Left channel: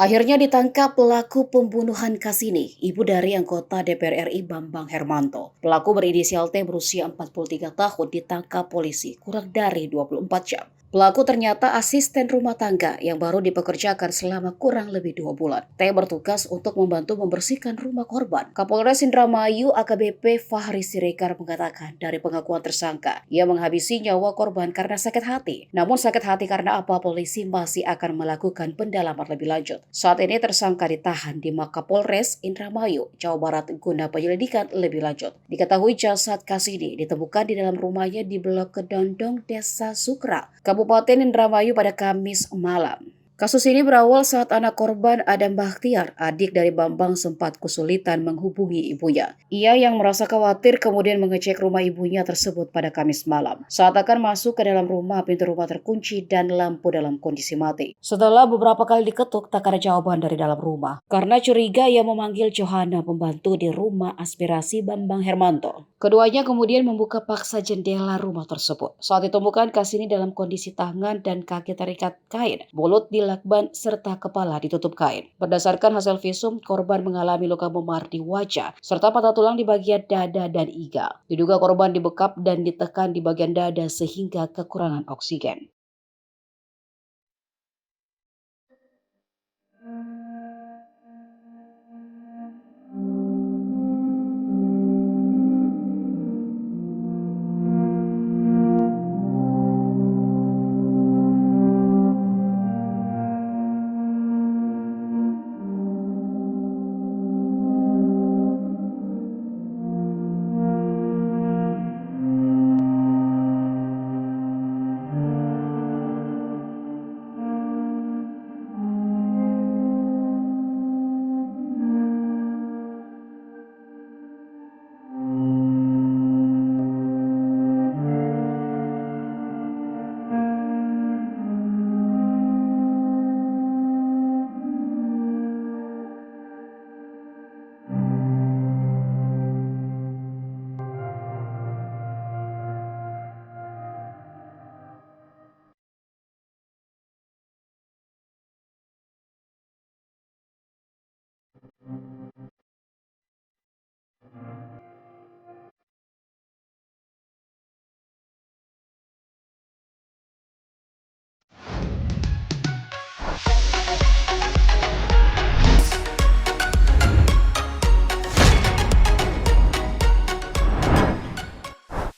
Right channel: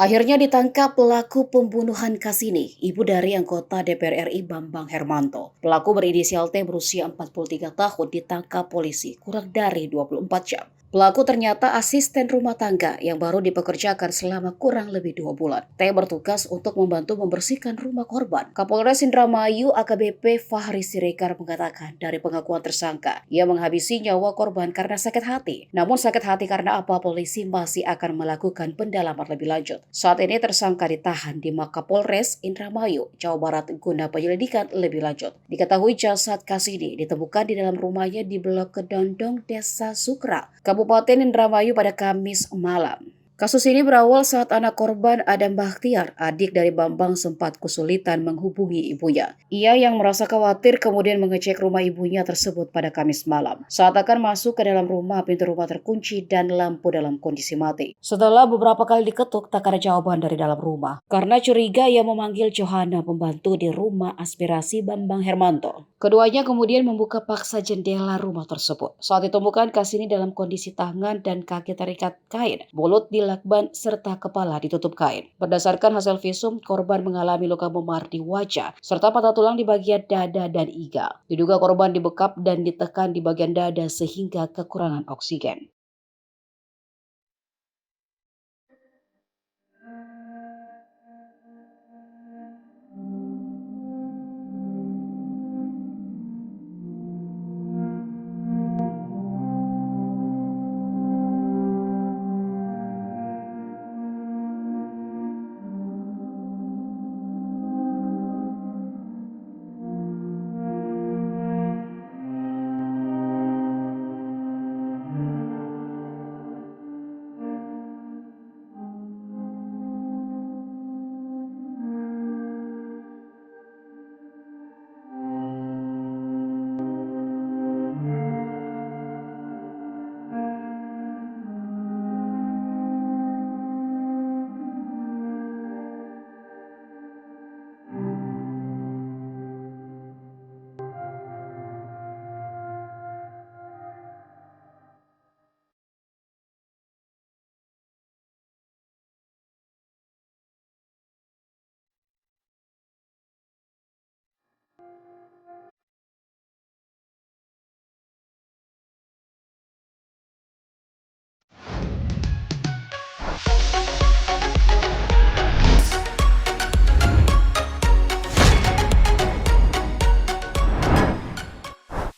Akhirnya ditangkap pelaku pembunuhan Kasini, ibu dari anggota DPR RI Bambang Hermanto. Pelaku berinisial T berusia 43 tahun ditangkap polisi kurang dari 24 jam. Pelaku ternyata asisten rumah tangga yang baru dipekerjakan selama kurang lebih 2 bulan. T bertugas untuk membantu membersihkan rumah korban. Kapolres Indramayu AKBP Fahri Siregar mengatakan dari pengakuan tersangka, ia menghabisi nyawa korban karena sakit hati. Namun sakit hati karena apa, polisi masih akan melakukan pendalaman lebih lanjut. Saat ini tersangka ditahan di Mapolres Indramayu, Jawa Barat guna penyelidikan lebih lanjut. Diketahui jasad Kasini ditemukan di dalam rumahnya di Blok Kedondong, Desa Sukra, Kabupaten Indramayu pada Kamis malam. Kasus ini berawal saat anak korban Adam Bakhtiar, adik dari Bambang, sempat kesulitan menghubungi ibunya. Ia yang merasa khawatir kemudian mengecek rumah ibunya tersebut pada Kamis malam. Saat akan masuk ke dalam rumah, pintu rumah terkunci dan lampu dalam kondisi mati. Setelah beberapa kali diketuk, tak ada jawaban dari dalam rumah. Karena curiga, ia memanggil Johanna, pembantu di rumah aspirasi Bambang Hermanto. Keduanya kemudian membuka paksa jendela rumah tersebut. Saat ditemukan Kasini dalam kondisi tangan dan kaki terikat kain, mulut dilakban serta kepala ditutup kain. Berdasarkan hasil visum, korban mengalami luka memar di wajah serta patah tulang di bagian dada dan iga. Diduga korban dibekap dan ditekan di bagian dada sehingga kekurangan oksigen.